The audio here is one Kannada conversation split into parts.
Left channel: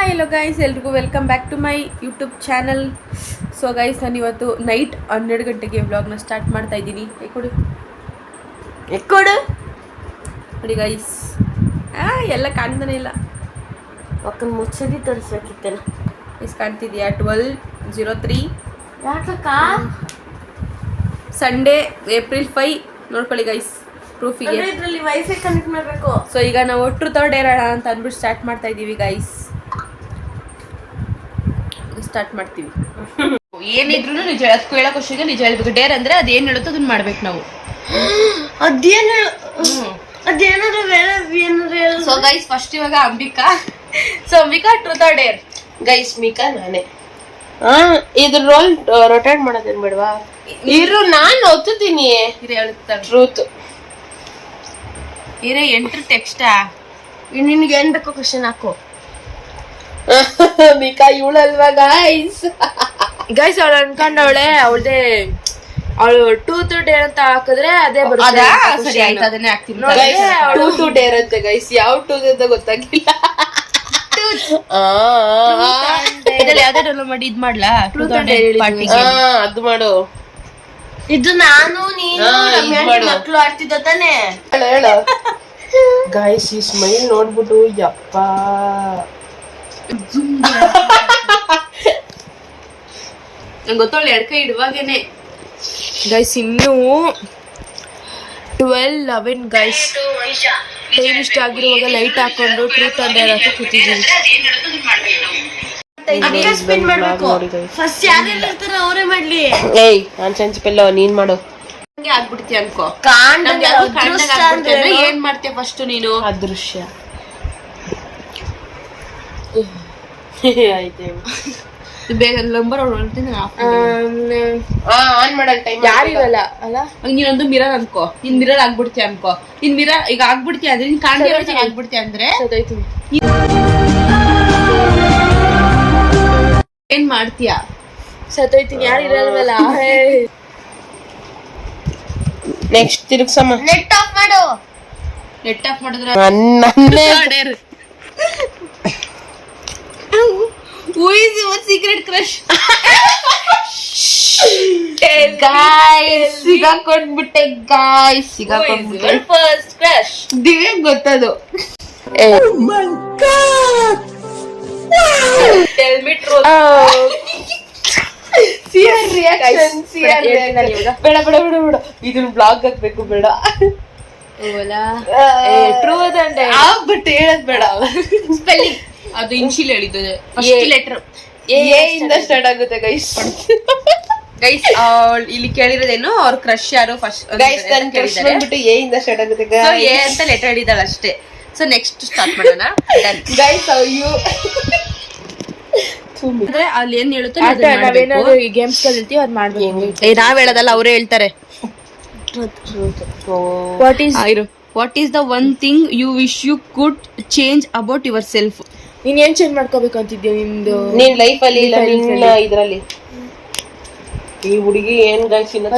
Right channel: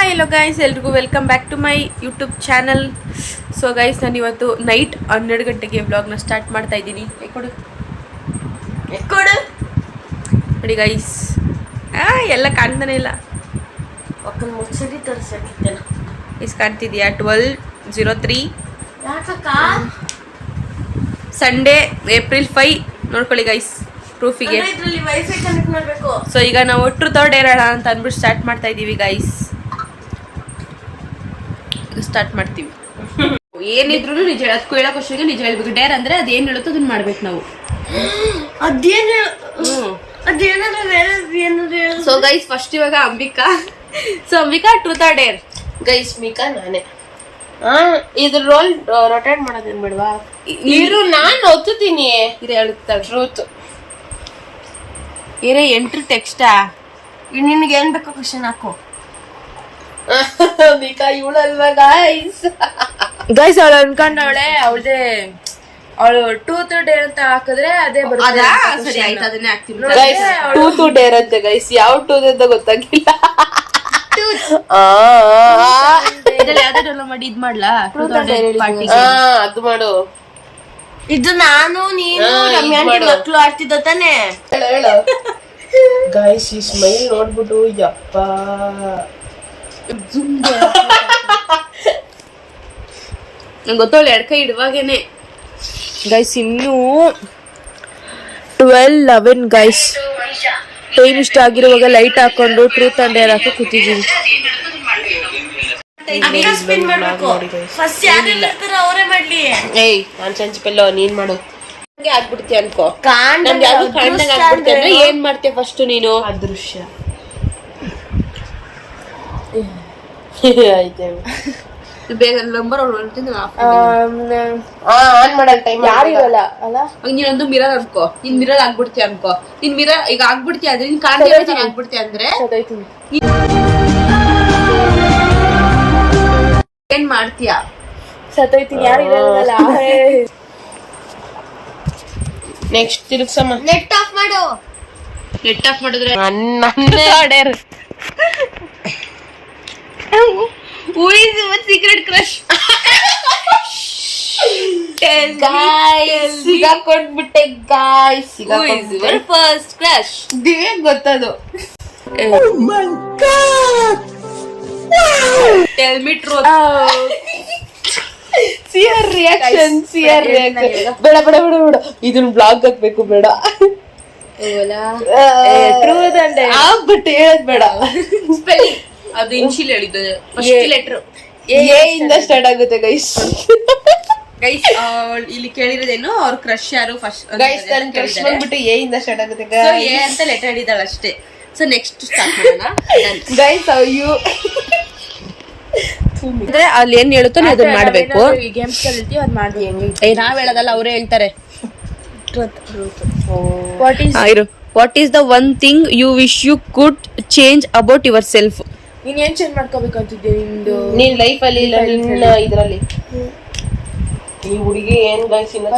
ಹಾಯ್ ಎಲ್ಲೋ ಗೈಸ್, ಎಲ್ರಿಗೂ welcome back to my YouTube channel. So guys, ನಾನು ಇವತ್ತು ನೈಟ್ 12 ಗಂಟೆಗೆ ವ್ಲಾಗ್ನ ಸ್ಟಾರ್ಟ್ ಮಾಡ್ತಾ ಇದ್ದೀನಿ. ಎಕ್ಕೊಡು ನೋಡಿ ಗೈಸ್, ಎಲ್ಲ ಕಾಣ್ತಾನೆ ಇಲ್ಲ. ಮುಚ್ಚಡಿ ತೋರಿಸಾಕಿದ್ದೇನೆ. ಇಸ್ ಕಾಣ್ತಿದ್ಯಾ? 12:03 Sunday April 5. ನೋಡ್ಕೊಳ್ಳಿ ಗೈಸ್, ಪ್ರೂಫಿಗೆ. ವೈಫೈ ಕನೆಕ್ಟ್ ಮಾಡಬೇಕು. ಸೊ ಈಗ ನಾವು ಟ್ರೂತ್ ಆರ್ ಡೇರ್ ಅಂತ ಅಂದ್ಬಿಟ್ಟು ಸ್ಟಾರ್ಟ್ ಮಾಡ್ತಾ ಇದ್ದೀವಿ ಗೈಸ್. ಸ್ಟಾರ್ಟ್ ಮಾಡ್ತೀವಿ. ಏನಿದ್ರು ನಿಜ ಅದಕ್ಕೂ ಹೇಳೋ ಕ್ವಶನ್ಗೆ ನಿಜ ಹೇಳ್ಬೇಕು. ಡೇರ್ ಅಂದ್ರೆ ಅದೇನು ಹೇಳುತ್ತೋ ಅದನ್ನ ಮಾಡ್ಬೇಕು ನಾವು. ಸೊ ಗೈಸ್, ಫಸ್ಟ್ ಇವಾಗ Ambika. So Ambika, truth or Deere? Guys, Micah ನಾನೇ. ಇದು ರೋಲ್ ರೊಟೇಟ್ ಮಾಡೋದೇನ್ ಬೇಡವಾ? ಇರು, ನಾನು ಒತ್ತುತ್ತೀನಿ. ಇದು ಹೇಳುತ್ತಾ ಟ್ರೂತ್. ಏನೇ ಎಂಟ್ರಿ ಟೆಕ್ಸ್ಟಾ? ನಿನ್ಗೆ ಏನ್ ಬೇಕೋ ಕ್ವಶನ್ ಹಾಕು. Micah ಇವಳಲ್ವಾ guys? ಗೈಸ್, ಅವಳು ಅನ್ಕೊಂಡವಳೆ ಅವಳು ಟೂತ್ ಡೇರ್ ಅಂತ ಹಾಕಿದ್ರೆ ಅದೇ ಬರುತ್ತೆ. ಟೂ ಡೇರ್ ಅಂತೆ ಗೈಸ್. ಯಾವ ಟೂತ್ ಅಂತ ಗೊತ್ತಾಗಿಲ್ಲ. ಮಾಡಿ ಇದ್ ಮಾಡ್ಲಾ? ಅದು ಮಾಡು. ಇದು ನಾನು ನೀನು ಮಕ್ಕಳು ಆಡ್ತಿದ್ದ ತಾನೆ. ಹೇಳು ಗೈಸ್, ಈ ಸ್ಮೈಲ್ ನೋಡ್ಬಿಟ್ಟು ಯಪ್ಪ. ಗೊತ್ತವಳು ಎಡ್ಕೈ ಇಡುವಾಗೇನೆ. ಗೈಸ್, ಇನ್ನೂ 12:11 ಗೈಸ್. ಟೈಮ್ ಇಷ್ಟ ಆಗಿರುವಾಗ ಲೈಟ್ ಹಾಕೊಂಡು ಟ್ರೂತ್ ಅಂಡ್ ಡೇರ್ ಹಾಕಿ ಕೂತಿದ್ದೀವಿ. ಅವರೇ ಮಾಡ್ಲಿ. ಏಯ್, ನಾನ್ ಸೆನ್ಸ್ಪಿಲ್ಲ, ನೀನ್ ಮಾಡು. ಹಂಗೆ ಆಗ್ಬಿಡ್ತೀಯ ಅನ್ಕೋ. ನಮ್ದು ಯಾರಿಗೂ ಕಾಣ್ದಂಗ್ ಆಗ್ಬಿಡ್ತೀಯ ಅಂದ್ರೆ ಏನ್ ಮಾಡ್ತೀಯ ಫಸ್ಟ್ ನೀನು? ಅದೃಶ್ಯ. ಬೇಗ ನಂಬರ್ ಆನ್ ಮಾಡಲ್ ಟೈಮ್ ಯಾರಿರಲ್ಲ ಅಲ್ಲ. ನೀನೊಂದು ಮಿರರ್ ಅನ್ಕೋ. ನೀನ್ ಮಿರರ್ ಆಗ್ಬಿಡ್ತೀಯ ಅನ್ಕೋ. ನೀನ್ ಮಿರರ್ ಈಗ ಆಗ್ಬಿಡ್ತೀಯ ಅಂದ್ರೆ ನೀನ್ ಕಾಣ್ತಾ ಆಗ್ಬಿಡ್ತೀಯ ಅಂದ್ರೆ ಏನ್ ಮಾಡ್ತೀಯ? ಸತ್ತೋಯ್ತೀನಿ. ಯಾರಿರಲ್ವಲ್ಲ. ನೆಕ್ಸ್ಟ್ ತಿರುಗ್ಸಮ್ಮ. ನೆಟ್ ಆಫ್ ಮಾಡು. ನೆಟ್ ಆಫ್ ಮಾಡಿದ್ರೆ dare. Who is your secret crush? Guys, ಸಿಗಾಕೊಂಡ್ಬಿಟ್ಟೆ ಗಾಯ್ಸ್. ಸಿಗಾಕೊಂಡ್ಬಿಟ್ಟೆ. ಫಸ್ಟ್ ಕ್ರಶ್ ದಿವ್ಯ ಗೊತ್ತದು. Oh my god! Tell me truth. See her reaction. See her reaction. ಬೇಡ ಬೇಡ ಬೇಡ ಬೇಡ, ಇದನ್ನ ಬ್ಲಾಗ್ ಹಾಕ್ಬೇಕು. ಬೇಡ. ಟ್ರೂತ್ ಅಂಡ್ ಡೇರ್ ಬಟ್ ಹೇಳದ್ ಬೇಡ. ಸ್ಪೆಲ್ಲಿಂಗ್ ಅದು ಇನ್ಶಿಯಲ್ ಹೇಳಿದ್ದು. ಫಸ್ಟ್ ಲೆಟರ್ ಎ ಇಂದ ಸ್ಟಾರ್ಟ್ ಆಗುತ್ತೆ ಗೈಸ್. ಗೈಸ್, ಇಲ್ಲಿ ಕೇಳಿರೋದೇನು ಅವ್ರ ಕ್ರಶ್ ಯಾರು ಫಸ್ಟ್ ಗೈಸ್? ನನ್ನ ಕ್ರಶ್ ಬಂದ್ಬಿಟ್ಟು ಎ ಇಂದ ಸ್ಟಾರ್ಟ್ ಆಗುತ್ತೆ. ಸೊ ಎ ಅಂತ ಲೆಟರ್ ಹೇಳಿದಾಳೆ ಅಷ್ಟೇ. ಸೊ ನೆಕ್ಸ್ಟ್ ಸ್ಟಾರ್ಟ್ ಮಾಡೋಣ. ಗೈಸ್, ಹೌ ಯು ಅಂದ್ರೆ ಅಲ್ಲಿ ಏನ್ ಹೇಳುತ್ತೋ ನೀವು ಅದನ್ನ ಮಾಡ್ಬೇಕು. ಗೇಮ್ಸ್ ಕಲಿತೀವಿ ಅದ್ ಮಾಡ್ಬೇಕು. ನಾವ್ ಹೇಳೋದಲ್ಲ, ಅವರೇ ಹೇಳ್ತಾರೆ. What is the one thing you wish you could change about yourself? ನೀನ್ ಏನ್ ಚೇಂಜ್ ಮಾಡ್ಕೋಬೇಕಂತಿದ್ದೆ ನಿಮ್ದು ನಿನ್ ಲೈಫ್ ಅಲ್ಲಿ? ಇಲ್ಲ, ನಿನ್ನ ಇದ್ರಲ್ಲಿ. ಈ ಹುಡುಗಿ ಏನ್ ಗೈಸ್ ಇನ್ನ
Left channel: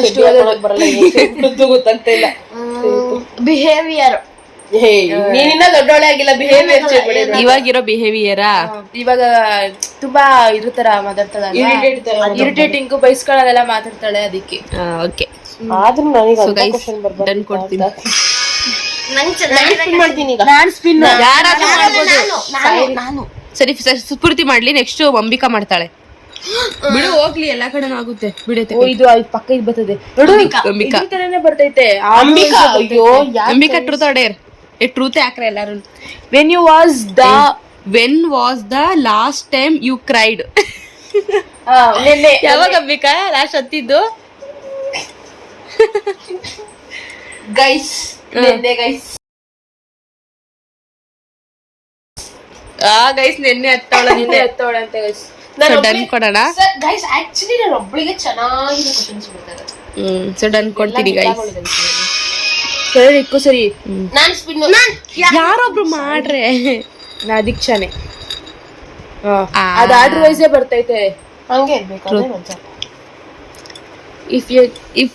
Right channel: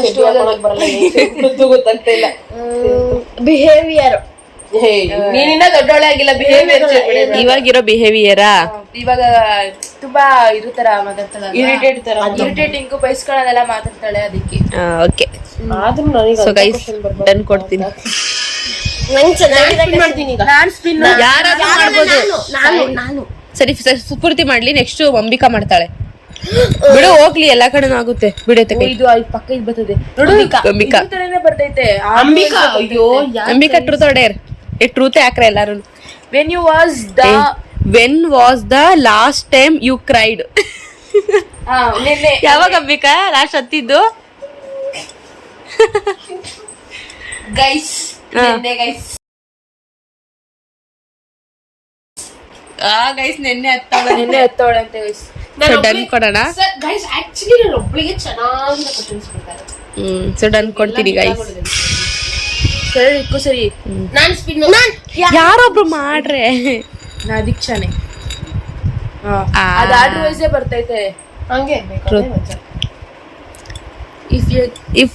ಗೊತ್ತಾಗ್ತಾ ಇಲ್ಲ. ಬಿಹೇವಿಯರ್. ನೀನಿನ್ನ ದೊಡ್ಡೊಳೆ ಆಗಿಲ್ಲ. ಬಿಹೇವಿಯರ್ ಇವಾಗಿರೋ ಬಿಹೇವಿಯರಾ? ಇವಾಗ ತುಂಬಾ ಇರುತ್ತರ ಮಾತಾಡ್ತಾಳ. ಇರಿಟೇಟಿಂಗ್ ಬೈಸ್ಕೊಳ್ಳೋದೆಲ್ಲ ಮಾತಾಡ್ತಾಳೆ. ಅದಕ್ಕೆ ಓಕೆ. ಸೊ ಗೈಸ್, ಡನ್ ಕೊಡ್ತೀನಿ. ಯಾರಾದ್ರೂ ಮಾಡ್ಬೋದು. ನಾನು ಸರಿ ಪೂರ್ತಿ ಮಾಡ್ಲಿ. ನೆಕ್ಸ್ಟ್ ಅಂಬಿಕಾ ಮಾಡ್ತಾಳೆ. ಬಿಡು, ಹೋಗ್ಲಿ, ಎಲ್ಲಾ ಕಡೆನೂ ಆಗುತ್ತೆ. ಬಿಡತ್ತೆ. ಇದು ಅಲ್ಲಿ ಪಕ್ಕ ಇದು ಬರ್ತದೆ. ಅಂಬಿಕಾ ಬರ್ತೈತೆ. Ambika truth or dare? Truth ಯಾಕ್ರೆ ಎಲ್ಲಾರು. When was the last time you cried? ಯಾವಾಗ ಅಂಬಿಕಾ ಲಾಸ್ಟ್ ಹತ್ತಿದ್ದು? ಗೈಸ್, ಗೈಸ್, ನೆನ್ನೆ ಹತ್ತವಳ ಅಂತ ಗೈಸ್. ಡನ್ ಕೊಡೋಣ. ಗೈಸ್, ಆಕ್ಚುಲಿ ನಾನು ಒಬ್ಬಳಿಗೆ ಚೆನ್ನಾಗಿ ಕ್ವಶನ್ಸ್ ಬಿಡ್ತಾರೆ. ಸೊ ಡನ್ ಕೊಡ್ತೀನಿ ಗೈಸ್. ಸರಿ. ನಾನ್ ಸ್ಪಿನ್. ಯಾರೊಬ್ರು ಮಾಡ್ರೆ. ದೀಕ್ಷಾನೆ. ಅದು ಆರ್ಡರ್ ವೈಸೇ ಬರ್ತೈತೆ. ಹಂಗೆ if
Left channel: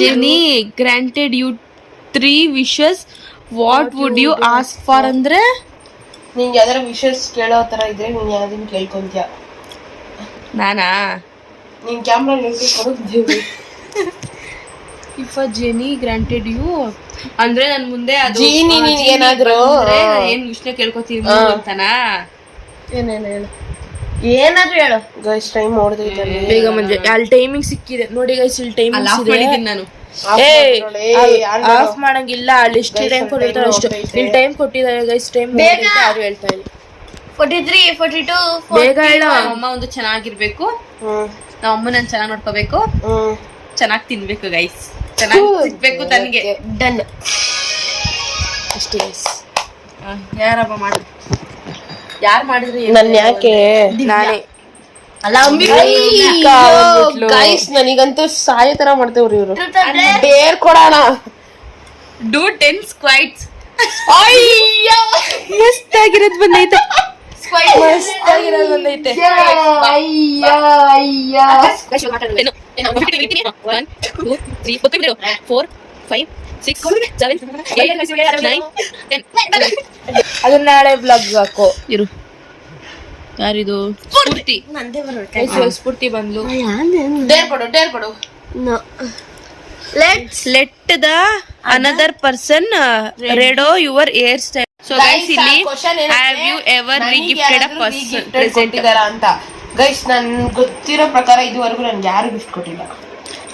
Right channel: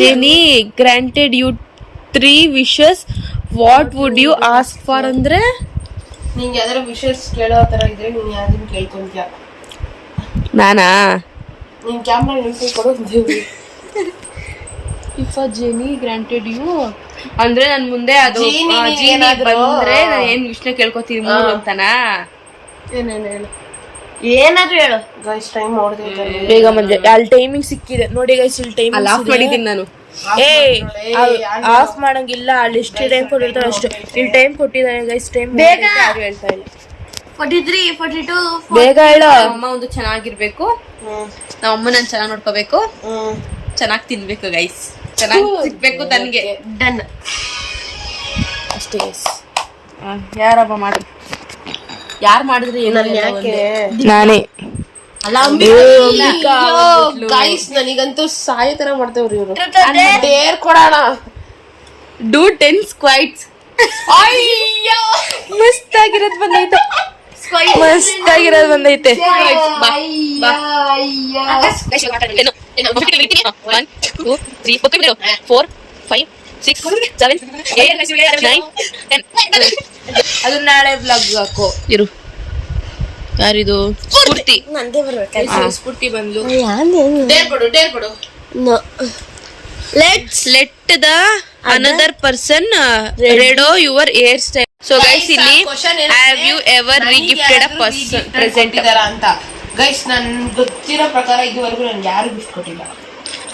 Jenny granted you 3 wishes, what would you ask for? ಅಂದ್ರೆ ನಿಂಗೆ ಯಾವ್ದಾರ ವಿಷಯಸ್ ಕೇಳೋ ತರ ಇದ್ರೆ ನೀನ್ ಯಾವ್ದನ್ನ ಕೇಳ್ಕೊಂತೀಯ. ನಾನಾ ನೀನ್ ಕ್ಯಾಮ್ರಾ ನಿಲ್ಸ್ಕೊಡು. If a genie granted you ಅಂದ್ರೆ ನನ್ ಮುಂದೆ ಅದು ಜೀನಿ ಏನಾದ್ರು ನಾನು ಏನ್ ವಿಷಯ ಕೇಳ್ಕೊತೀನಿ ಮೂರು ಅಂತನಾ? ಏನಾದ್ರು ಹೇಳು. ಗೈಸ್ ಟೈಮ್ ನೋಡ್ದೈತೆ ಬೇಗ ಮಂಜೆ ಅಲ್ಲಿ ಟೈಮಿಂಗ್ ಸಿಕ್ಕಿದೆ ನೋಡಿ ಗೈಸ್. ಇಲ್ಲಿ ಟೈಮಿಂಗ್ ಆಫ್ ಮಾಡಿದ್ದೀನಿ ನಾನು. ಆಫ್ ಮಾಡಂಗಿಲ್ಲ, ಅಲ್ಲಿ ಎಷ್ಟು ಟೈಮ್ ಕೊಟ್ಟಿರ್ತಾರೆ ಅಷ್ಟು. ಇಲ್ಲಿ ಟೈಮ್ ಕೊಟ್ಟಿದ್ದಾರೆ ಗೈಸ್. ಟೈಮ್ ಯಾರು ಹೇಳ್ತಾ ಇಲ್ಲ. 43, 42 ಬೇಗ ಹೇಳು. ಅಮ್ಮ ಒಂದು ಚೆನ್ನಾಗಿರ್ಬೇಕು, ನಮ್ಮ ಅಮ್ಮ ನಾನು ಚೆನ್ನಾಗಿ ನೋಡ್ಕೋಬೇಕು, ಚೆನ್ನಾಗಿ ತಿನ್ಬೇಕು ಗೈಸ್, ಚೆನ್ನಾಗಿ ಸಿಗ್ಬೇಕು ತನ್ಗೆ. ಡನ್ ಅಷ್ಟೇ ಗೈಸ್. ಯಾರಪ್ಪ ಮಾಡ್ರಿ, ಯಾರು ಮಾಡಿದ್ರಿ? ನನ್ ಯಾಕೆ ನಾನೇ. ಗೈಸ್ ನನಗಂತೂ ಸಾಯೋ ತರ ಮಾಡ್ತೇವ್ರಿ ಇವ್ರು. ಡೇರ್ ಕೊಡೋಣ. ಡೂ 10 ಸ್ಕ್ವೈಟ್ಸ್. ಮಸ್ತ್ ಆಗಿರೋದು ಬಂದೈತೆ, ಮಸ್ತ್ ಆಗಿರೋದು ಬಂದೈತೆ. 1 2 3 4 5 6 7 8 9 10. ಅದನ್ನ ನಾಳೆ ಬ್ಲಾಗ್ ಹಾಕೋ ಇರು. ಯಾರಿದು? ಸ್ಫೂರ್ತಿ. ಸ್ಫೂರ್ತಿ ಬಂದ್ಲು. ಡೇರ್ ಕೊಡು. Let the another person redo your hair style. So guys ಇಲ್ಲಿ have you ever regifted a person present ಅಂತ. ಗೈಸ್ ನನ್ ಗೊತ್ತಿರೋ ಪ್ರಕಾರ ಇದುವರೆಗೂ ನನ್ಗೆ ಯಾರು ಗಿಫ್ಟ್ ಕೊಟ್ಟಿಲ್ಲ.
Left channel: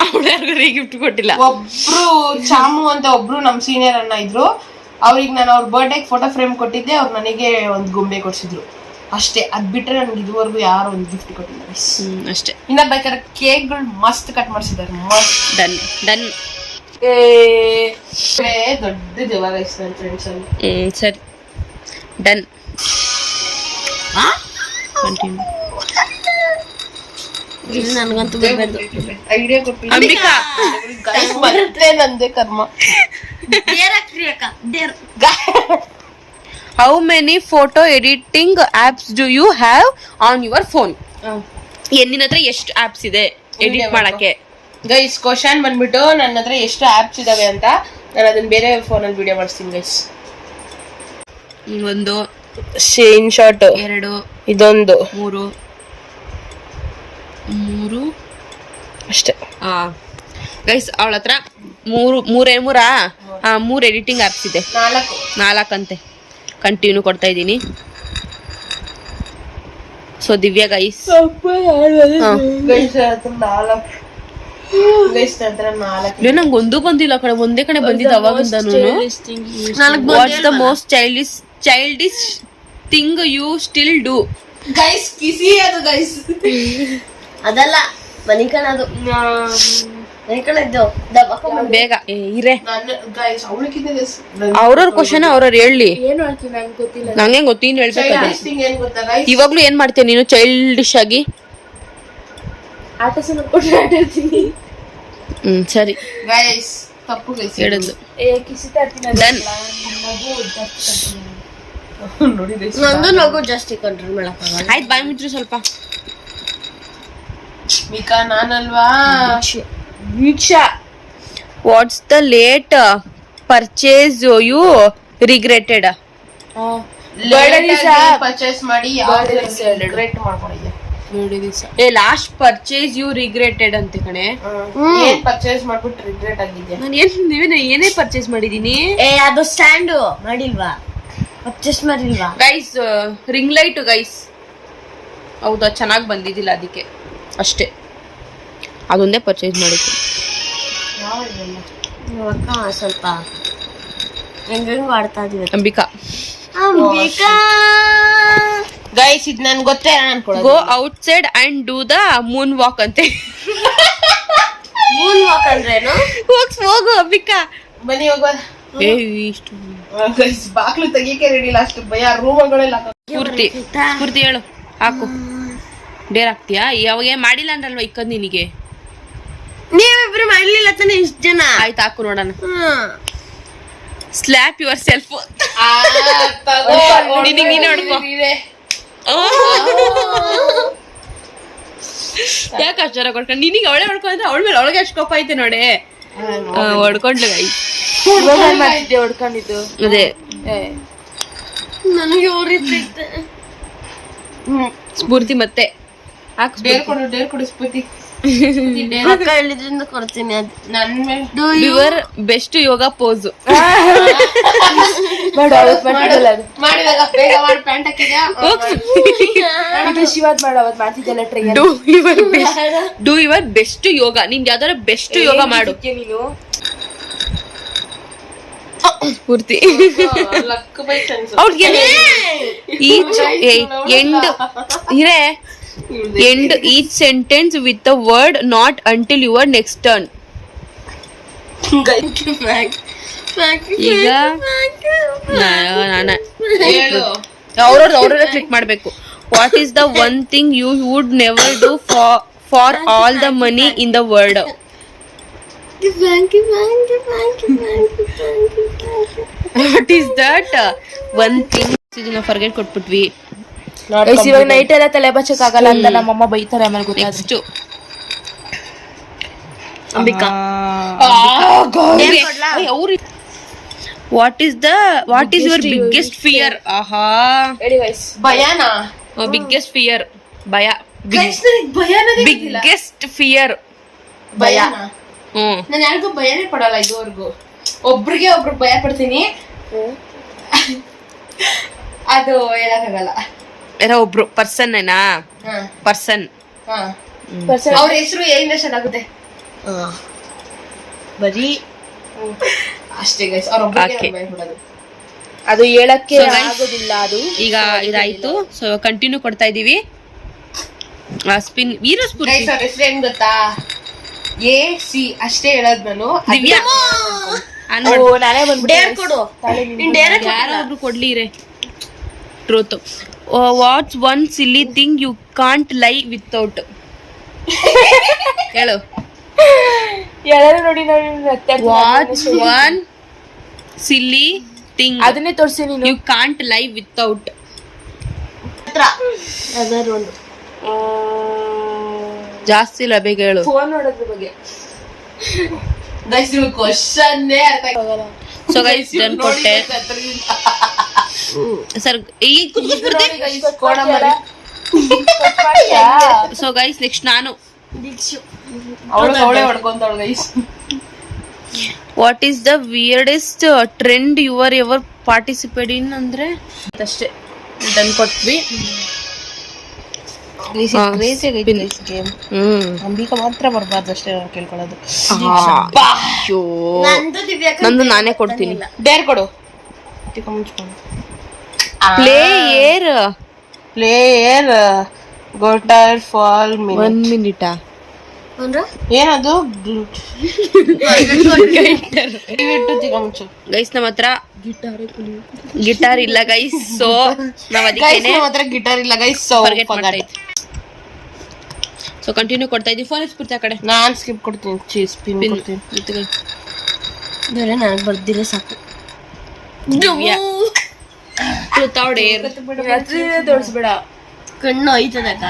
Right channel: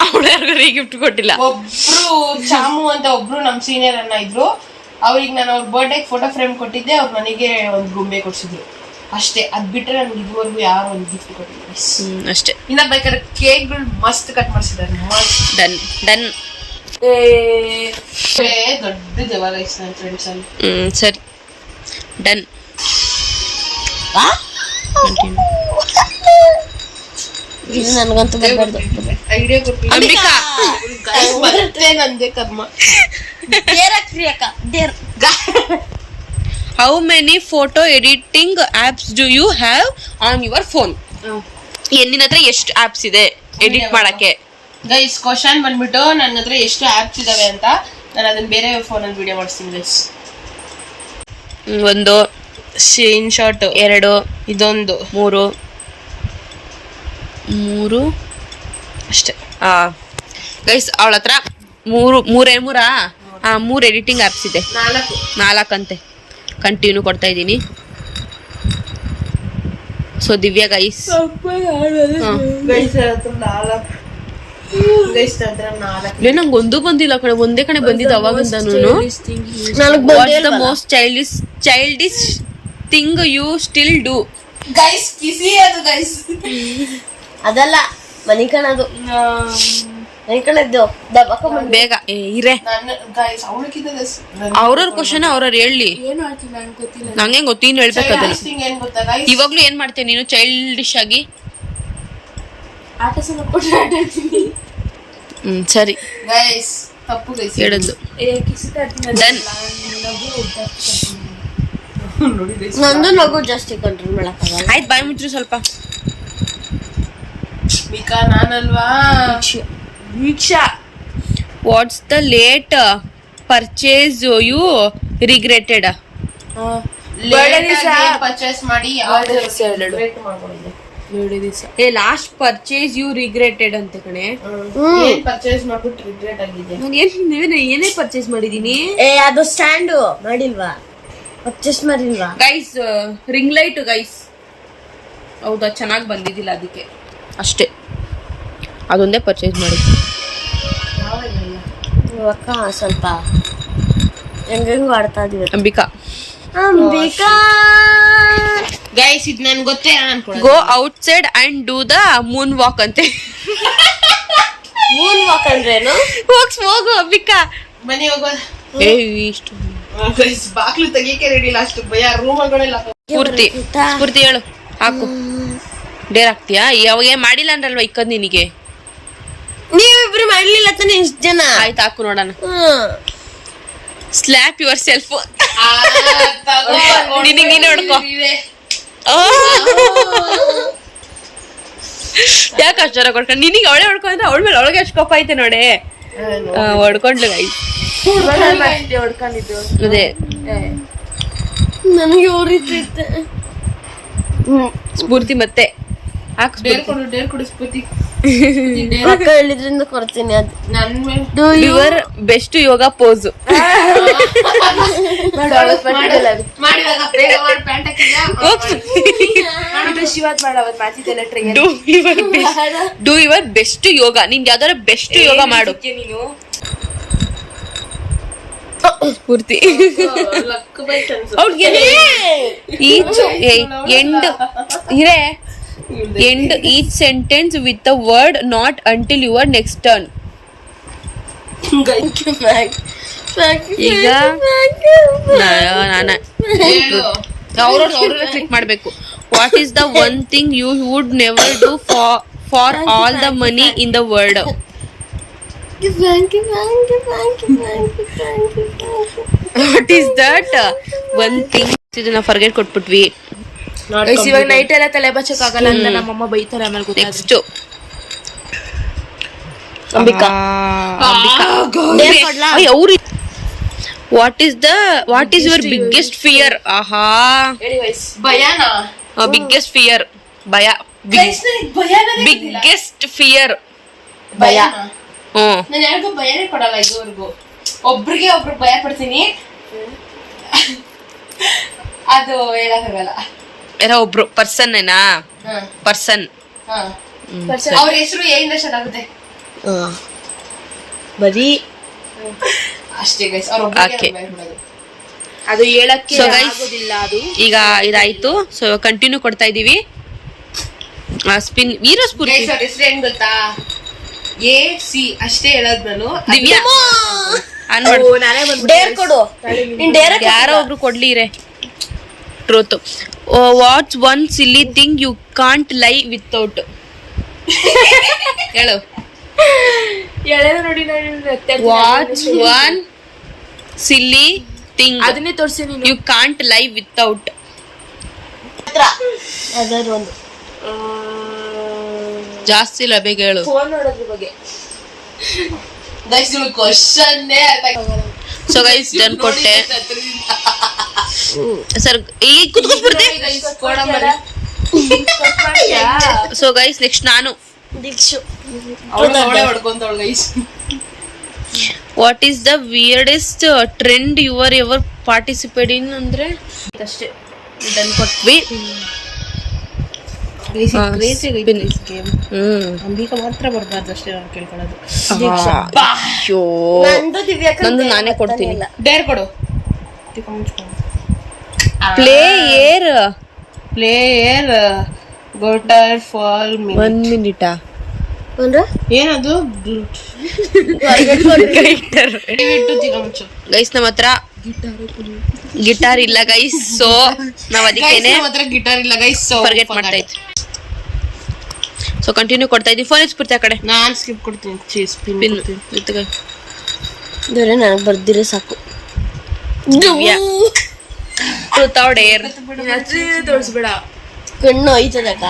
ಅವಳು ಯಾರಿಗೂ ರಿಗಿಫ್ಟ್ ಕೊಟ್ಟಿಲ್ಲ. ಒಬ್ರು ಚಾಮು ಅಂತ ಒಬ್ರು ನಮ್ ಸೀನಿಯರ್ ಅನ್ನ ಇದ್ರು, ಅವ್ರಿಗೆ ನಾನು ಅವ್ರ ಬರ್ಡೇ ಫೋಟೋ ಫ್ರೇಮ್ ಕೊಟ್ಟಿದ್ದೆ, ಅವ್ರು ನನಗೆ ಒಂದು ಗೊಂಬೆ ಕೊಡ್ಸಿದ್ರು ಅಷ್ಟೇ. ಅದ್ ಬಿಟ್ರೆ ನನ್ಗೆ ಇದುವರೆಗೂ ಯಾರು ಒಂದು ಗಿಫ್ಟ್ ಕೊಟ್ಟಿಲ್ಲ. ಅಷ್ಟೇ. ಇನ್ನ ಬೇಕಾದ್ರೆ ಕೇಕ್ಗಳು ಮಸ್ತ್ ಕಟ್ ಮಾಡಿಸಿದ್ದಾರೆ. Done done. ದೊಡ್ಡ ದೇವ ಗೈಸ್ ನನ್ನ ಫ್ರೆಂಡ್ಸ್ ಅಲ್ಲಿ. ಸರಿ ಡನ್. ಕಂಟಿನ್ಯೂ. ನನಗಂತೂ ಬರಬಾರ್ದು. ಐಡಿಯಾ ಕೊಟ್ಟು ಅಂಬಿಕಾ ಬರುತ್ತೆ ನಂದೇ ಕರ್ಮ. How many photo editing apps do you have on your phone? ನಿನ್ನ ಹತ್ರ ಎಷ್ಟು ಆಪ್ಸ್ ಇದೆ ಎಡಿಟ್ ಮಾಡಕ್ಕೆ? ಗೈಸ್ ಕ್ವಶನ್ ಬಂದ್ಬಿಟ್ಟು ನನ್ನ ಹತ್ರ ಎಷ್ಟು ಆಪ್ಸ್ ಇದಾವೆ ಅಂತ. ನಾನು ಅದನ್ನ ಬೇರೆ ಫೋನಲ್ಲಿ ವಿಡಿಯೋ ಮಾಡಿಸ್ತೀನಿ ಗೈಸ್. 1 ಸ್ಕ್ರೀನ್ ಶಾಟ್, 2 ಇದೊಂದು, 3 ಅಷ್ಟೇ. ಗೈಸ್ ಅವಳ ಹತ್ರ 3 ಎಡಿಟಿಂಗ್ ಆಪ್ಸ್ ಇದೆ. 4 ಅಂತೆ. ಕಂಟಿನ್ಯೂ ಕೊಡ್ತಾ ಇದ್ದೀನಿ. ಸೊ ದಿವ್ಯಾ ಗೈಸ್ ನಂಗೆ ಒಂದು ಬಂದಿಲ್ಲ ಕಡೆ, ಒಂದೇ ಕಡೆ ಬಂದಿದ್ದು ಅವಾಗಿಂದನು. What's the most childish thing you still do? Guys ಕಿಸಿ ಅದು ಗೈಸ್. ಅದಲ್ಲ ಮನಿಕಣದು, ಮನಿಕಣದ್ದು ಬೇಗ ಇರೇ. ಗೈಸ್ ಅವಳಕ್ಕಿಂತ ಅವ್ರವ್ರ ಕ್ವಶನ್ ಅವ್ರವ್ರು ಹೇಳಿ. ಏನು ಹೇಳ್ತೀನಿ ನಂಗೆ ಗೊತ್ತಿಲ್ಲ. ನಂಗೆ ಗೊತ್ತೀನಿ ಹೇಳ್ಬೇಕು ಅದನ್ನ. ಏನ್ ಗೊತ್ತಾ ಗೈಸ್, ಇವಾಗ್ಲೂ ಏನ್ ಮಾಡ್ತೀಯ ನೀನು ಚೈಲ್ಡಿಶ್ ಆಗಿ? ಆಟ ಸಲ ಕೊಟ್ಟು ಆಟ ಆಡ್ತೀನಿ. ಸರಿ ಗೈಸ್ ತಪ್ಪು ಗೈಸ್ ಹೇಳಿದ್ಲು. ಡನ್. ನಂದು ನಗು ಜಾಸ್ತಿ ಕಂಟ್ರೋಲ್ ಮಾಡಕ್ಕಾಗಲ್ಲ. ಆಯ್ತು ಬಾಯ್ ಮುಚ್ಚ್ರಿ ಸ್ವಲ್ಪ. ಮಿಕಾ ನಾನಲ್ವಾ? Veeksha what's the late purchase you regretted? Purchase ಮಾಡಿ ರಿಗ್ರೆಟ್ ಮಾಡ್ಕೊಂಡಿದ್ದೆ. ಲಾಸ್ಟ್ ಪರ್ಚೇಸ್ ಯು ರಿಗ್ರೆಟೆಡ್ ಅಂತೆ ಕಣೆ. ಏನ್ ಪರ್ಚೇಸ್ ಮಾಡ್ಬಿಟ್ಟು ರಿಗ್ರೆಟ್ ಆಗಿದ್ದೆ? ನಾನು ಏನೇ ಪರ್ಚೇಸ್ ಮಾಡಿದೀನಿ? ಅದು ಸ್ಟ್ಯಾಂಡ್ ಮಾಡಿಲ್ವಾ? ಪರ್ಚೇಸ್ ಮಾಡಿಲ್ವಾ? Guys ring light guys. ಹೌದಾ, ಚೆನ್ನಾಗಿ ಬಂದಿದ್ದಿಲ್ಲ ಅದಕ್ಕೆ ಅಷ್ಟೇ. ಅದೊಂದೇ ಪರ್ಚೇಸ್ ಮಾಡಿದ್ದು. ಸ್ವಲ್ಪ ಹೆಂಗ್ ಆಡ್ತಾ ಇದೀವಿ. ಅಂಬಿಕಾ ಗೈಸ್ ಇದು ನನ್ಗೆ ಗೊತ್ತೇ ಅನ್ಕೊಳ್ಳಿ. Go out side and do the Moon walk ಅಂತೆ. ಮೂನ್ ವಾಕ್ ಅಂದ್ರೇನು? ಹೋಗು ಅಂಬಿಕಾ. ಮನೆ ಹೋಗೋದ. ಇಷ್ಟು ಬಾಕ್ಲು ತೆಗಿಕೆ ರೆಡಿಲ್ಲ, ಅಷ್ಟು ಭಯ. ರೂಮಗಳೆಲ್ಲ ಸ್ಫೂರ್ತಿ ಹೇಳು, ಹಾಕು. ಡೇರ್ ಹಾಕ್ತೀಯಾ? ಯಾವಾಗ ಮಾಡಿಲ್ಲ ಅಂದ್ರಲ್ವಾ ಇಕ್ಕದ್ ನಿನಗೆ. ನೀವಿಬ್ರು ಮಾಡ್ಲಿಲ್ಲ ತಾನೆ ಇಷ್ಟು ಜನ? ಆಯ್ತು ಹಾಕು ನೋಡೋಣ. Slap yourself. ನಿನಗೆ ನೀನೇ ಹೊಡ್ಕೋ. ಯಾಕೆ ಅಷ್ಟಾರ ಕೊಡ್ಕೊಂಡು ನಿನಗೆ ಅವಳೇ ಹೊಡ್ಕೊಂಡ್ರೆ ಅವಳ ಮೇಲೆ ಅವಳಿಗೆ ಅಷ್ಟು ಕೋಪ ಐತೆ ನೋಡಿ. ಹೊಡ್ಕೊಂಡ್ಲು ಗೈ. ಅದೇ ನನಗೆ ಯಾವ ರೀತಿ ಇತ್ತೆ ಸ್ಫೂರ್ತಿ ಮತ್ತೆ ಡೇರ್ ಕೊಡು ಸ್ಫೂರ್ತಿ. ಅಕ್ಕ ಹೇಳಿದ್ರಿಂದ ಕೊಡ್ತೀನಿ ಅದು ನನ್ ಮೇಲೆ ಯುವರ್ ಬೆಸ್ಟ್ ಯೋಗ ಪೋಸ್. ಮಾಡಿದಾಗ ಬೇಗ ಮಾಡಿ ಪ್ಯಾಂಟ್ ಹಾಕಿದ. ಶಿವಾದ್ ಮಾಡವತ್ ಮಾಡ್ತಿದ್ದೇನೆ try. Do your best yoga. ನಿಂಗೆ ಯಾವ್ದಾರ ಬೆಸ್ಟ್ ಯೋಗ ಮಾಡು ನೀನು. ಸ್ಫೂರ್ತಿ ಅವ್ರಿಗೆ each end each sentence with a word not until your next turn. ಈಗ ಅವ್ರವ್ರ ಕ್ಲಿಕ್ ಮಾಡ್ಬೇಕು. What is the one thing you would never do for all the money in the world. What is that one thing? ಇದನ್ನ ಫರ್ಗೆಟ್ ಕೊಟ್ಬಿಟ್ವಿ. ಇವಾಗ ನೈಟ್ ಎಲ್ಲ ತಲೆ ಬಚ್ಚಕ್ ಆಗಲ್ಲ ಅಂತ ನಮ್ಮಮ್ಮ ಬೈತಾರೆ. ಆಮೇಲೆ next what is your biggest fear? ಆಹಾ, ಭಯನಾ? ಬಿಗ್ಗೆಸ್ಟ್ ಫಿಯರ್, ಭಯ. ಬಿಗ್ಗೆಸ್ಟ್ ಫಿಯರ್ ಭಯನಾ? ನಾನು ಯಾರಿಗೂ ಭಯನೇ ಪಡಲ್ಲ ಇದುವರೆಗೂ. ಒಬ್ರಿಗೆ ಭಯ ಪಡ್ತೀನಿ, ಅದು ಹೇಳಕ್ಕಾಗಲ್ಲ. ಯಾರೋ ಒಬ್ರು ಪರ್ಸನ್ ಏನಾ? ಪರ್ಸನ್. ಅವ್ರ ಹೆಸರು ಏನಿಂದ ಸ್ಟಾರ್ಟ್ ಆಗುತ್ತೆ? ಬರೀ ಅಷ್ಟೇ ಗೈಸ್. ಅವ್ರ ಒಬ್ಬರಿಗೆ ಭಯ ಪಡೋದು. ಅದು ಹೇಳಕ್ಕೆ ಆಗೋದಿಲ್ಲ. ಅದು ಈಗ ಇದಾಯ್ತು. ಸೊ ಕಂಟಿನ್ಯೂ ಕೊಡ್ತಾ ಇದೀವಿ. ಸ್ಪಿನ್ ವೀರಸ್ಫೂರ್ತಿ. ಗೈಸ್ ಅವ್ರ ಹೆಸರು ಏನ್ ಗೊತ್ತಾ? AC ಅಷ್ಟೇ ಹೇಳೋದು ನಾನು. ದಿವ್ಯಾ ಡೇರ್ ಕೊಡು. ಯಾರೋ ಒಬ್ರು ಕೊಡ್ಲಿ ರೇ. Truth. What's one silly thing you can't lie without? ಹೇಳು. ನೋಡಿ ವಾಟ್ಸ್ ಒನ್ ಸಿಲ್ಲಿ ಥಿಂಗ್ ಅದನ್ನೇ ತೋರಿಸಿ ನೀನು. You can't lie without? ಜಾಸ್ತಿ ಇಲ್ಲ, ಬೇಗ ಹೇಳು. ಫೋನ್ ನೋಡೋದ್ರ ಬಗ್ಗೆ. ಗೈಸ್ ನಿಮಗೆ ಕ್ವಶನ್ನೇ ಅರ್ಥ ಆಗಲ್ಲ. ಸೊ ಗೈಸ್ ಡನ್ ಕೊಟ್ಟೆ. ಸರ್ ಈಗ ಕುತ್ಕೊಸ್ಬಿಡ್ತೆ. ಸೊ ಗೈಸ್ ನೆಕ್ಸ್ಟ್ ನಾನು. ಅವಳೇ ಹೊಡ್ಕೊಂತವಳು guys. What is the weirdest trend your ever participate in? ಅಂದ್ರೆ ಅಷ್ಟೇ ಡನ್ ಕೊಟ್ವಿ. ಅಂಬಿಕಾ ಮಾತ್ರ ಬರ್ಬಾರ್ದು ಅಷ್ಟೇ ನಾವು ಕೇಳ್ಕೊಳ್ಳೋದು. ನಂದು ನಾನೇ ಕೊಡ್ತೀನಿ. ಡೇರ್ ಕೊಡು. ಪ್ಲೇ ಏರ್ ಗೋಟರ್ ಫಾಲ್ 1 ಮಿನಿಟಾ? ಏನದು? ಗೈಸ್ ನಮ್ಮ ಹತ್ರ ಗಿಟಾರ್ ಇಲ್ಲ ಗೈಸ್. ಸೊ ನಾವ್ ಅದಕ್ಕೇನೆ ಗಿಟಾರ್ ಇಲ್ಲ ಗೈಸ್. ಫರ್ಗೆಟ್ ಮಾಡ್ತಾ ಇದ್ವಿ. ಸೊ ಕಂಟಿನ್ಯೂ ಕೊಡ್ತಾ ಇದೀವಿ. ಫೋನ್ ಇಸ್ಬಿಡ್ತೆ ಆ ಕಡೆ. ನಾನ್ ಸ್ಕಿಪ್ ಕೊಡ್ತೀನಿ. ನನಗೆ ಬರ್ದಿರೋ ಸಾಕು. Divya truth or dare? ತೋರಿಸ್ಬೇಡ, ಕಣ್ಣು ಐತದಕ್ಕ.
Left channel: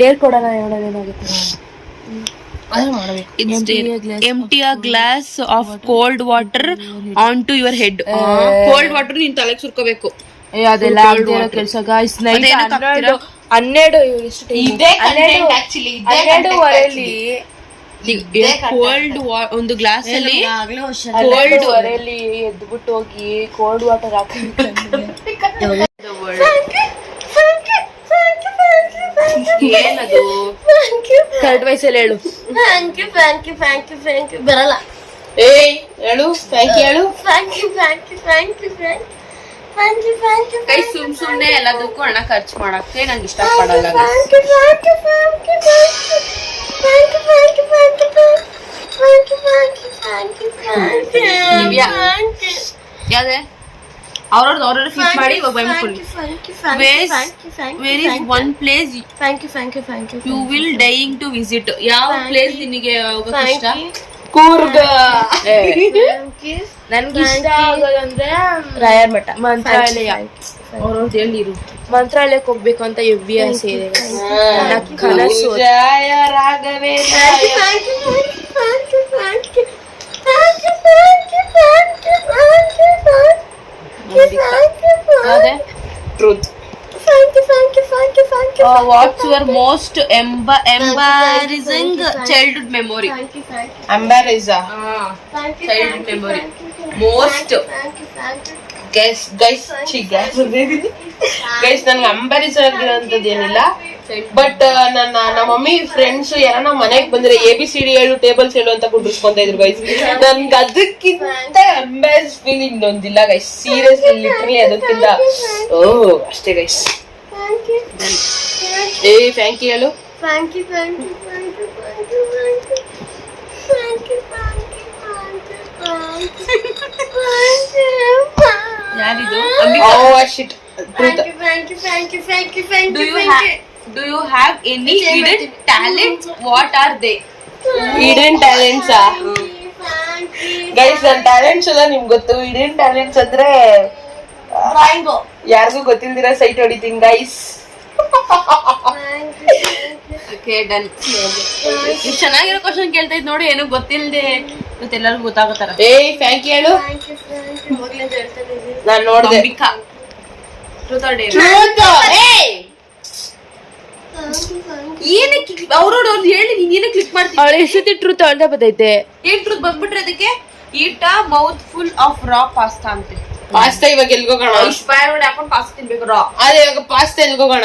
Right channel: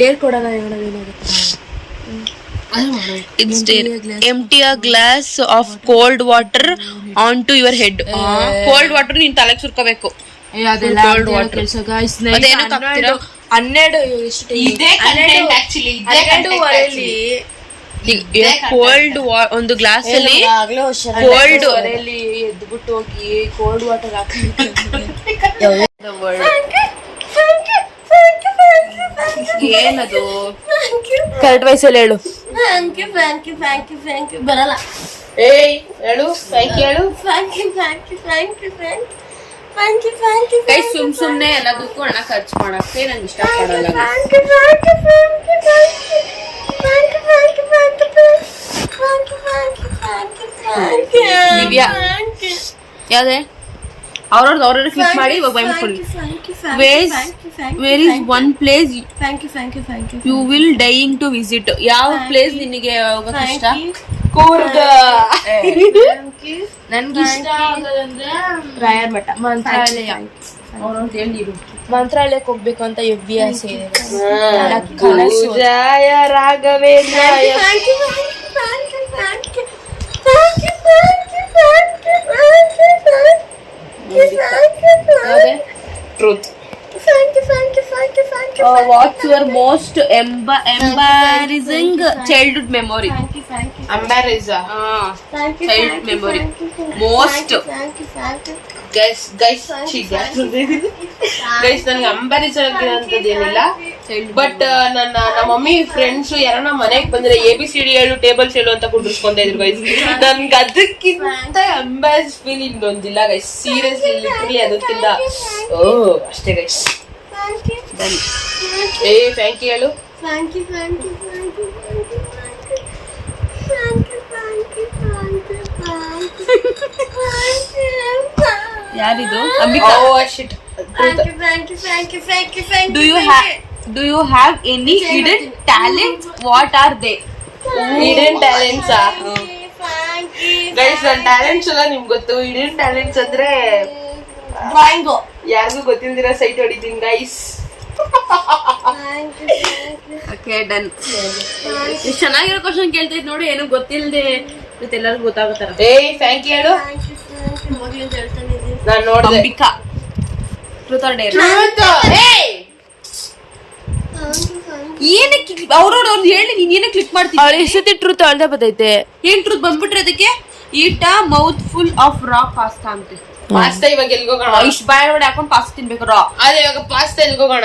ಡೇರ್ ಕೊಡೋಣ. ಹೇಳೋದೇನಾಗುತ್ತೆ? Empty a glass of cold water onto your head. Cold water ನೀನ್ ತಲೆಗೆ ಸುರ್ಕೋಬೇಕು. ಕೋಲ್ಡ್ ವಾಟರ್ ಅದೇನಕ್ಕೆ ಹಾಕ್ತೀರಾ? 12 ಕೋಲ್ಡ್ ಒಂದು ಗ್ಲಾಸ್ ಅಲ್ಲಿ ಕೋಲ್ಡ್ ಎದ್ಬಿಟ್ಟು ಹೋಗಿ ಕೋಲ್ಡ್ ವಾಟರ್ ಹಾಕಿ ಏನದು? ಕರೆಕ್ಟ್ ವಯಸ್ಸಲ್ಲಿ ಹೇಳು. ಬರಲ್ಲ. ಹೇಳು. ಥ್ಯಾಂಕ್ ಯು ಹೇಳು. ಕೈ ಸುಮ್ನೆ ಎಲ್ಲದಕ್ಕೂ ಹಣ ಖರ್ಚು ಮಾಡಕ್ಕೆ ನಂಗೆ ಇಷ್ಟಪಡಲ್ಲ. ಯಾವ್ದೇ ಅವ್ರವ್ರದ್ದು ಕ್ಲಿಕ್ ಮಾಡಿ where is one place you will dying to visit? ಯಾವ ಪ್ಲೇಸ್ ನಿನಗೆ ಹೋಗಕ್ಕೆ ಇಷ್ಟ? ಕೂರ್ಗ್. ನನ್ಗೆ ಇಷ್ಟ ಆಗೋದಂದ್ರೆ ರಾಯರ್ ಮಠ, ಮಂತ್ರಾಲಯ. ಮಂತ್ರಾಲಯಕ್ಕೆ ಹೋಗ್ಬೇಕು ಅಂತ ಎವ್ವಿ ಆಸೆ ಇದೆ. ಕನಸು. ಯಾವ್ದೇ truth. What's your most embarrassing childhood memory? Embarrassing childhood memory most. Guys ನನ್ಗೆ ಅಂಬಾರೇಜ್ ಆಗಿರೋಂಥದ್ದು ಏನಿಲ್ಲ, ಬಟ್ ನಮ್ಮ ಮಮ್ಮಿ ಫ್ರೆಂಡ್ಸ್ ಯಾರನ್ನ ಮನೆಗ್ ಬಂದ್ರೆ ABCD ಹೇಳು ಟೇಬಲ್ಸ್ ಹೇಳು ಅಂತ ಕುಂಡಿಸ್ಕೊಂತ ಇದ್ರು ಗೈಸ್. ನನ್ಗೆ ಅದಕ್ಕಿಂತ ಅಂಬಾರೇಜ್ ಫೀಲ್ ಇನ್ನೊಂದಿಲ್ಲ ಗೈಸ್, ಸೀರಿಯಸ್ಲಿ ಲಿಟ್ರಲಿ ಅದಕ್ಕಿಂತ. ಓಹ್ ಅಷ್ಟೇ ಗೈಸ್. ಥ್ಯಾಂಕ್ ಯು ಹೇಳು. ಯಾರಿದು? ಅಂಬಿಕಾ. ಶಿಟ್. Do you have any hidden talents? What are they? Hidden talents guys. ನನ್ನ ಟ್ಯಾಲೆಂಟ್ಸ್ ಎಲ್ಲ ನಿಮ್ಗೆ ಗೊತ್ತು. ಹಿಡನ್ ಟ್ಯಾಲೆಂಟ್ಸ್ ಅಂದ್ರೆ ಯಾರಿಗೂ ಗೊತ್ತಿಲ್ದಿರ ಸೈಟ್ ಹೊಡಿತೀನಿ ಗೈಸ್. Okay, done. ಇಷ್ಟು ಚೆನ್ನಾಗಿರೋ ಕ್ವಶನ್ ಕೇಳ್ತಾ ಇದ್ ನೋಡಿ, ಏನೋ ಗೊತ್ತಿಲ್ಲದೆ ಎಲ್ಲರಿಗೂ ಗೊತ್ತಾಗತ್ತಾರ. ಥ್ಯಾಂಕ್ ಯು ಹೇಳು. ನಾನು ನೋಡಿದೆ. ಅಂಬಿಕಾ. Truth or dare? ಏನಕ್ಕೆ ಅವ್ರವ್ರು ಹೇಳಿ, ನೀನ್ ಏನಕ್ಕೆ ಕ್ಲಿಕ್ ಮಾಡ್ತೀನಿ? ಅವಳು ಎಷ್ಟೊತ್ತಿ ಟ್ರೂತ್ ಅವಳ್ದೆ ಬತ್ತೈತೆ. ಏನ್ ಟ್ರೂತ್ ಬಂದ್ಬಿಟ್ರೆ ಅದಕ್ಕೆ? Eat a mouthful of raw pasta ಅಂತೆ. ಪಾಸ್ತಾ ಇವಾಗ ಎಲ್ಗೋಗೋಣ? ಇಷ್ಟು ಬಾಯ್ ಒಳಗಡೆ ಹಾಕೊಂಡು ಪಾಸ್ತಾ ತಿನ್ಬೇಕು ರಾ. ಅದೇ ಇವಾಗ ಪಾಸ್ತಾ ಎಲ್ಗೋಗೋಣ?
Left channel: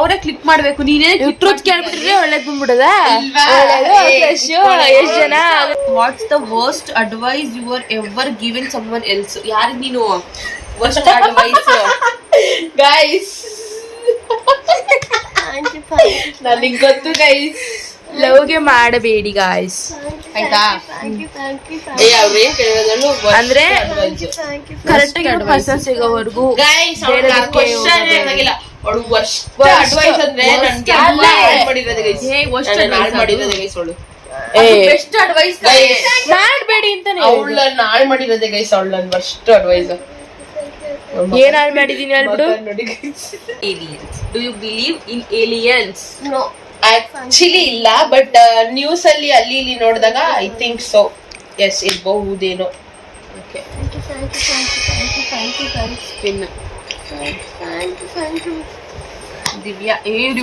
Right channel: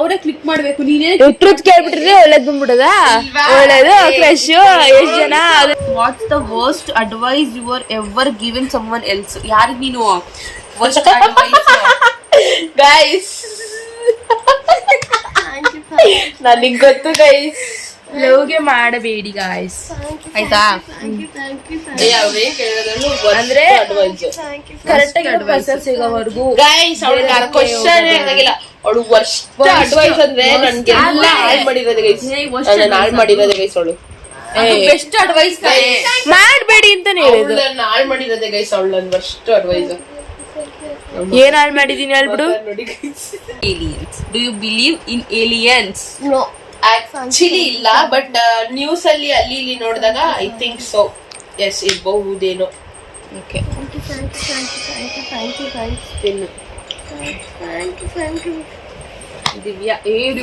ಅವರೇ ಕ್ಲಿಕ್ ಮಾಡ್ಬೇಕು. ನೀನೇ ಟ್ರೂತ್ ಕೇಳ್ಬಿಟ್ರೆ ಒಳ್ಳೇದ್ ಬಂದ್ಬಿಡದ. ಒಳ್ಳೇದು ಫ್ರೆಶ್ ಎಷ್ಟ್ ಜನ. What's the worst advice you are ever given someone else? ಯಾರಿಗೆ ನೀನು ವರ್ಸ್ಟ್ ಅಡ್ವೈಸ್? ಗೈಸ್ ನನಗೆ ಗೊತ್ತು ಗೈಸ್. ಲವ್ಗೆ ಮಾಡಬೇಡಿ ಗಾಯ್ಸ್, ಆಯ್ತಾ? ಯಾವ್ದೇ ಕೇಳೋದನ್ನು ಅಂದ್ರೆ ಕರೆಕ್ಟ್ ಆಗಿರೋ ಪರ್ಸನ್ ಸಿಗೋವರೆಗೂ ಗೈಸ್ ಅವಳು ವರ್ಸ್ಟ್ ಅಡ್ವೈಸ್ ಅಂದ್ರೆ ನನ್ಗೆ ಎಲ್ಲ ಹಾಳು ಮಾಡಿರೋದು ಗೈಸ್. ನನ್ನ ಹಾಳು ಮಾಡಿರೋದು ಗೈಸ್ ಅವಳು. ಬೆಸ್ಟ್ ಅಡ್ವೈಸ್ ಮಾಡ್ಬೇಡಿ ಅಂತಾನೆ ಅವಳು ಹೇಳುದು. ನನ್ನ ಹಾಳು ಮಾಡಿರೋದೇ ಗೈಸ್. ಅವಳು ನನ್ನ ವರ್ಸ್ಟ್ ಅಡ್ವೈಸ್. ಏನ್ ಹಾಳು ಮಾಡಿದೀನಿ ಹೇಳ್ಬಿಡು. ನೋಡಿ guys. aliens. Do you believe in aliens? No. Actually ಇಲ್ಲ, ಬಟ್ ನ್ಯೂಸ್ ಅಲ್ಲಿ ಅಲ್ಲಿ ಇಲ್ಲಿ ನೋಡಿದಾಗ ಐ ಥಿಂಕ್ ಸೊ. ಎಸ್ ಇರಬಹುದೇನೋ. Okay. ದಿವ್ಯಾ.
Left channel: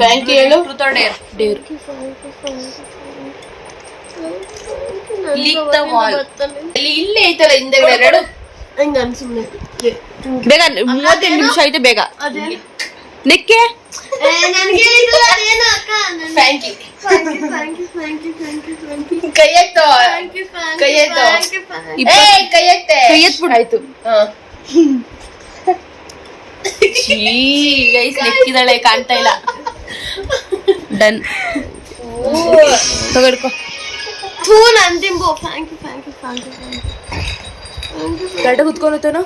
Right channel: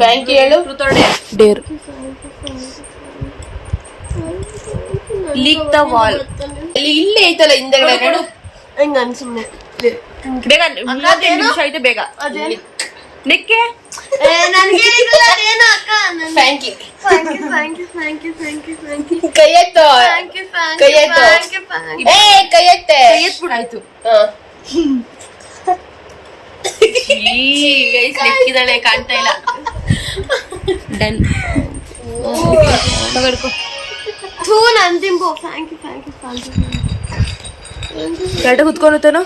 Thank you ಹೇಳು. Truth or dare? Dare. Lick the wall. ಇಲ್ಲೇ ಐತಲ್ಲ ಹಿಂದೆಗಡೆ ಎರಡು. ಹಂಗ ಸುಮ್ನೆ ಬೇಗ 35 ನಿಮಿಷ ಐತೆ, ಬೇಗ ನೆಕ್ಕೆ. Thank you. ಕೈ ಎತ್ತು. ಕೈ ಎತ್ತು. ಕೈ ಎತ್ತೆ. ಆಯ್ತು. ಗೈಸ್ ನೆಕ್ಕಿದಾಳೆ, ಕಾಣ್ತಾ ಇಲ್ಲ. ಡನ್. ತಗೊಳ್ಕೊ. ಕರೆಕ್ಟ್ ಕುತ್ಕೊಂಡೇನೋ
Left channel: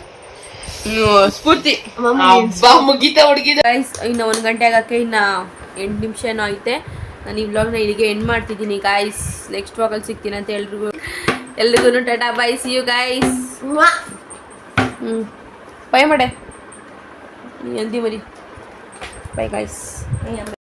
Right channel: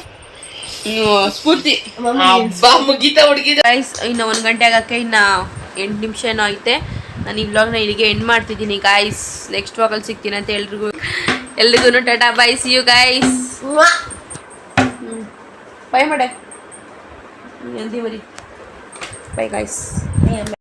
ಸ್ಫೂರ್ತಿ. ಹಬ್ಬ ಮುಗೀತಾ ಹುಡುಗಿದ. ಗೈಸ್ ಇನ್ನು 1 ಗಂಟೆ ಆಗಕ್ಕೆ ಇನ್ನ 8 ನಿಮಿಷ ಏನೋ ಐತೆ. ನಾನು ಈ ವ್ಲಾಗ್ನ ಇಲ್ಲಿಗೆ ಎಂಡ್ ಮಾಡ್ತಿದ್ದೀನಿ ಗೈಸ್. ನೆಕ್ಸ್ಟ್ ವ್ಲಾಗಲ್ಲಿ ಸಿಗ್ತೀನಿ ಅಂತ ಎಲ್ರಿಗೂ tata bye, see you guys. Bye ಮಾಡೆ, ಜಲ್ದಿ ಬರಿ. Bye guys.